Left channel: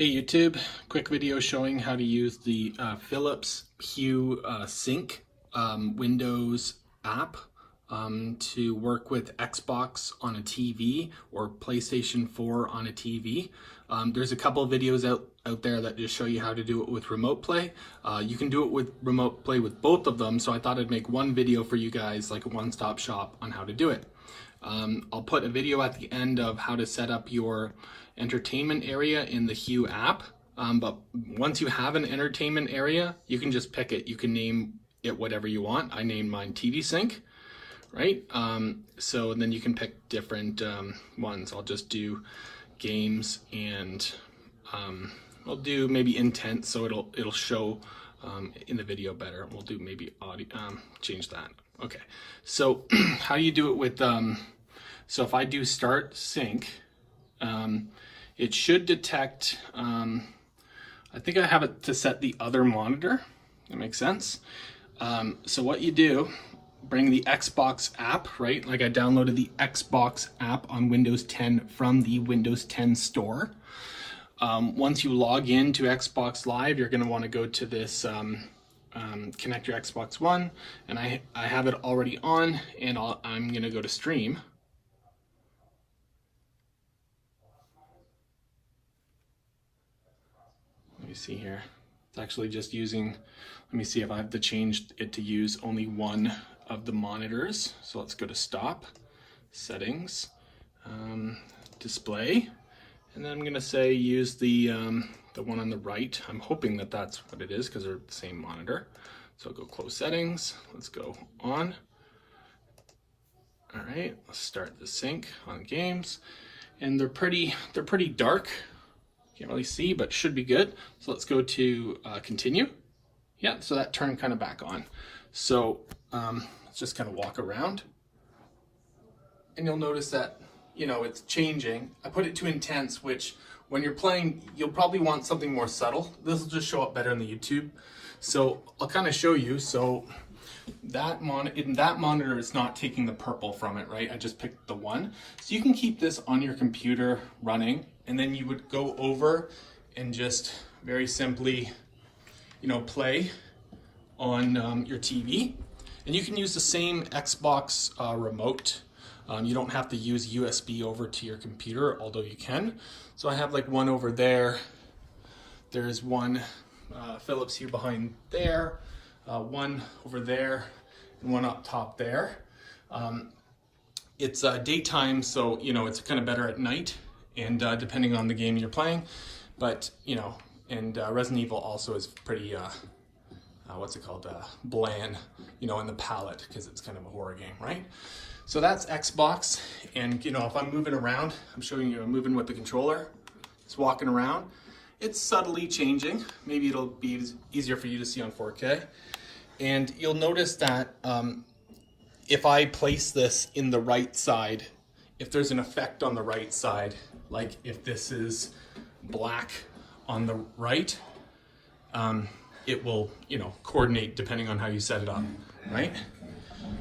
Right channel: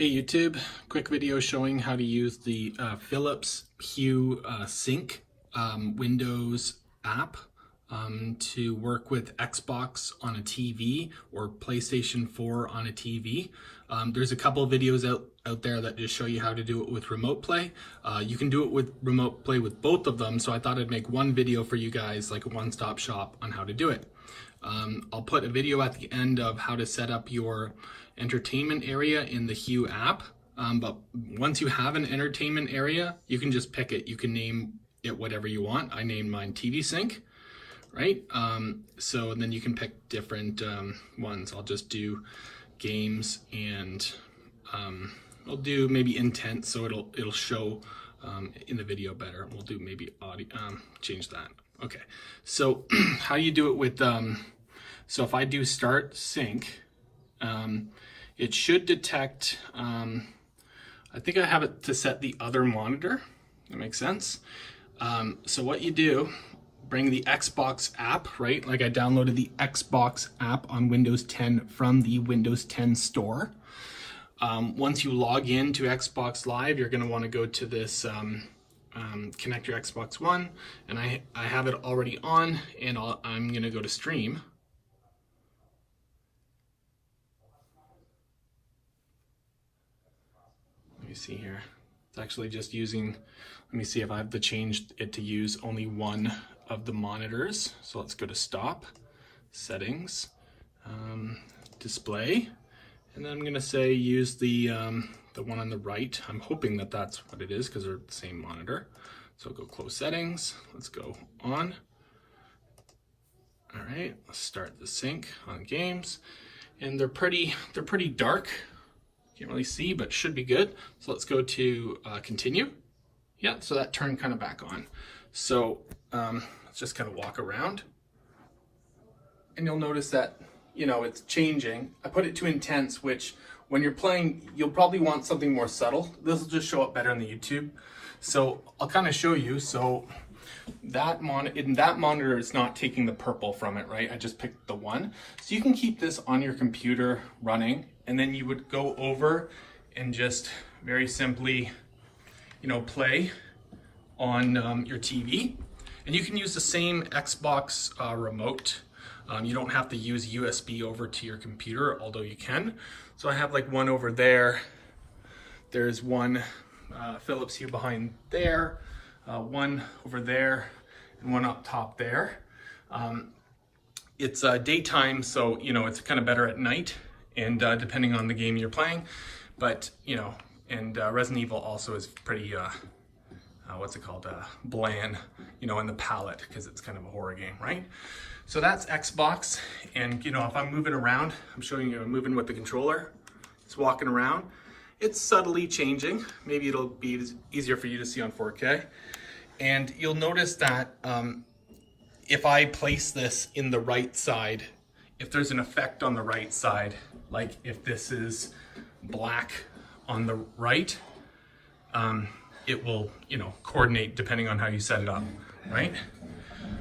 Hey YouTube, quick video showing how to use the Philips Hue Sync Windows app to work with Xbox on a TV or PlayStation 4 on a TV. There's a couple of videos out there that just show you how to do it with remote play. You can do it with remote play with both of them, so I thought I'd make one video for you guys, like a one-stop shop on how to do it. I'll put a video at the end of how to set up your entertainment area in the Hue app. But once you have an entertainment area, you can just pick it. You can name it whatever you want. I named mine TV Sync, right? So then you can pick different ones. I'll just do games and I'll do maybe intense, so it'll show in the video better. We'll do maybe audio, change that. Okay, so how do you do it with, so if I do start sync, it should detect, I think I have it to set the other monitor. That makes sense. So what you do, bring the Xbox app, right? Like I downloaded the Xbox app on Windows 10 from the Windows 10 store. Once you log in to Xbox Live, you're gonna wanna go to this, connect your Xbox One, and I have it already on, and I'm gonna go to stream. Let me see here. It's actually just using, let me see if I have to change it to use only one of the monitors. So let's go to stop, settings, display, and then I'm gonna say use the one on the right. I'm hoping that that's what it is because they're the same monitor. So I'll go close settings, let's go on. All right, let's start the sync on games. And they're pretty dark. Can't really see, but should be good. So let's go to continue. Yeah, so that turned kind of back on. So let's just kind of walk around. And you'll notice that, you know, it's changing. I put it to intense, which when you're playing, you'll probably want something more subtle. This will just show up better in the YouTube. So I'll kind of show you. So that monitor is not taking the purple from it, right? I just picked the one. So you can keep this on your computer running, and then you would go over and just very simply, you know, play on your TV. And you can use the same Xbox remote. You don't have to use USB over to your computer, although you can. So I have like one over there. There's one Philips Hue behind there, one over there, and one up top there. It's daytime, so you know it's kind of better at night, and depending on the game you're playing. But you know, and Resident Evil also is pretty what's it called, bland, you know, in the palette, because it's kind of a horror game, right? So that's Xbox, and you know, if I'm moving around, I'm showing you I'm moving with the controller. It's walking around. It's subtly changing. Maybe it'll be easier for you to see on 4K. And you'll notice that if I place this in the right side, if there's an effect on the right side, like if this is black on the right, it will, you know, coordinate depending on how you set it up, right?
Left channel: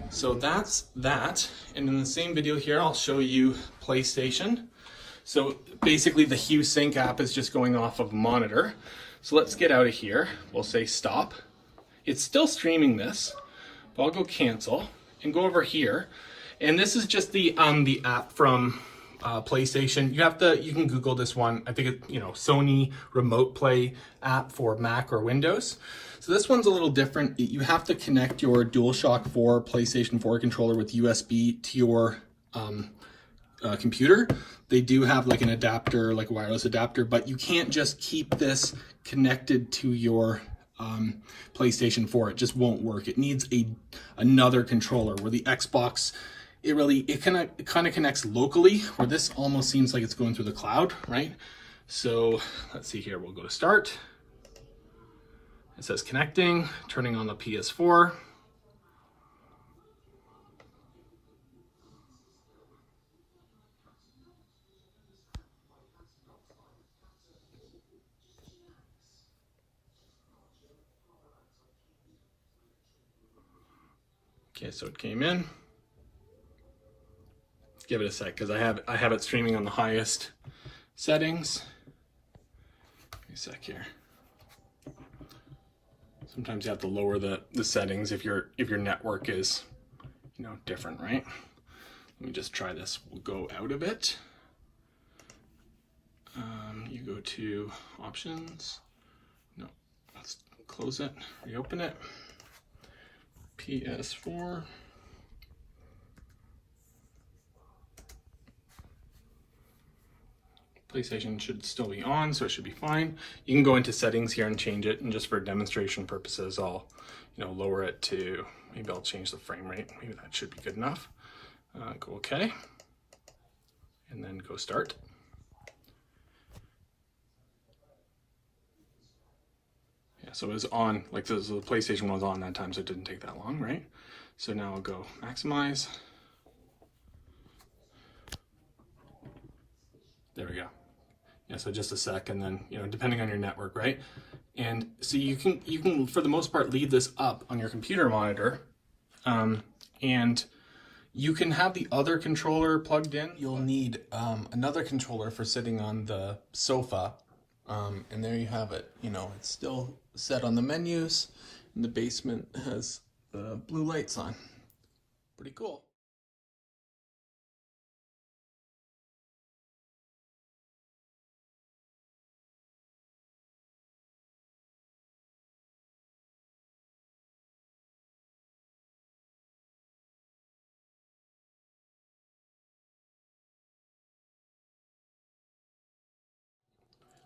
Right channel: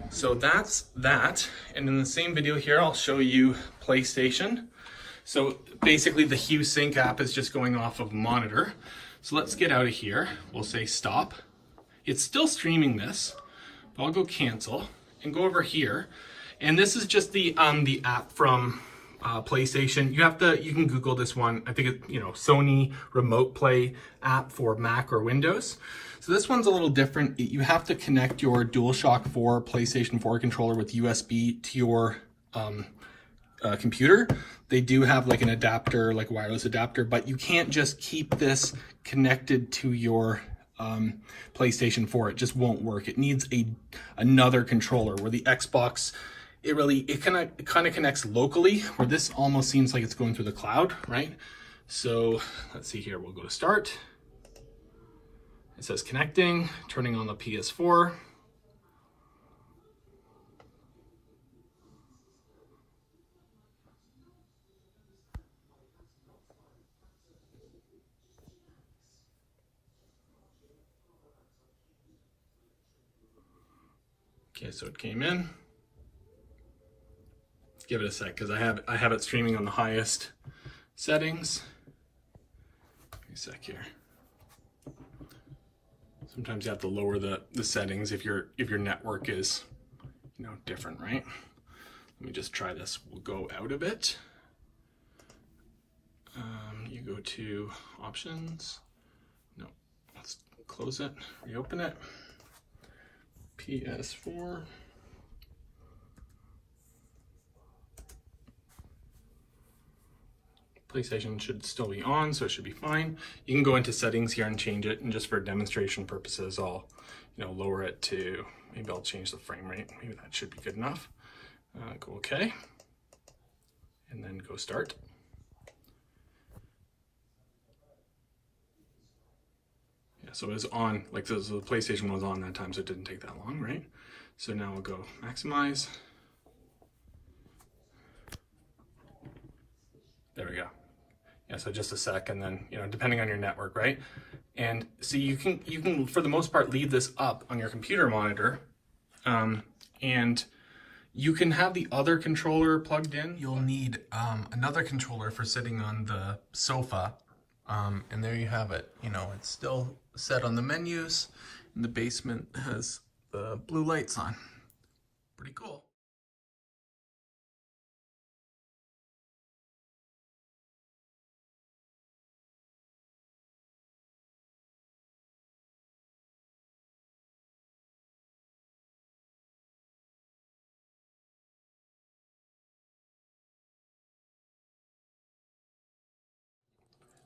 So that's that. And in the same video here, I'll show you PlayStation. So basically the Hue Sync app is just going off of a monitor. So let's get out of here. We'll say stop. It's still streaming this, but I'll go cancel and go over here. And this is just the app from PlayStation. You can Google this one. I think it, you know, Sony remote play app for Mac or Windows. So this one's a little different. You have to connect your DualShock 4 PlayStation 4 controller with USB to your computer. They do have like an adapter, like a wireless adapter, but you can't just keep this connected to your PlayStation 4. It just won't work. It needs another controller, where the Xbox, it kind of connects locally, where this almost seems like it's going through the cloud, right? So let's see here, we'll go to start. It says connecting, turning on the PS4. Okay, so it came in. Let's give it a sec because I have it streaming on the highest settings. a sec here. Sometimes you have to lower the settings if your network is, you know, different, right? Let me just try this. We'll go out of it. You go to options. No, let's close it, reopen it. PS4. PlayStation should still be on, so it should be fine. You can go into settings here and change it, and just for demonstration purposes, I'll, you know, lower it to, maybe I'll change the frame rate. Maybe that should be good enough. Go OK, and then go start. Yeah, so it was on, like the PlayStation was on that time, so it didn't take that long, right? So now I'll go maximize. There we go. Yeah, so just a sec, and then, you know, depending on your network, right? And so you can for the most part leave this up on your computer monitor, and you can have the other controller plugged in. You'll need another controller for sitting on the sofa, and there you have it. You know, it's still set on the menus, and the basement has the blue lights on. Pretty cool.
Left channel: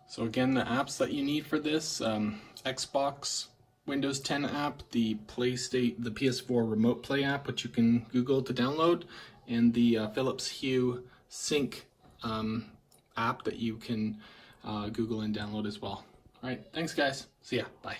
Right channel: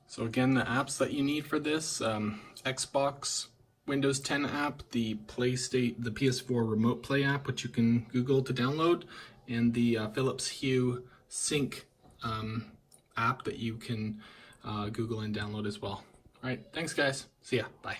So again, the apps that you need for this, Xbox, Windows 10 app, the PS4 Remote Play app, which you can Google to download, and the Philips Hue Sync app that you can Google and download as well. All right, thanks guys. See ya, bye.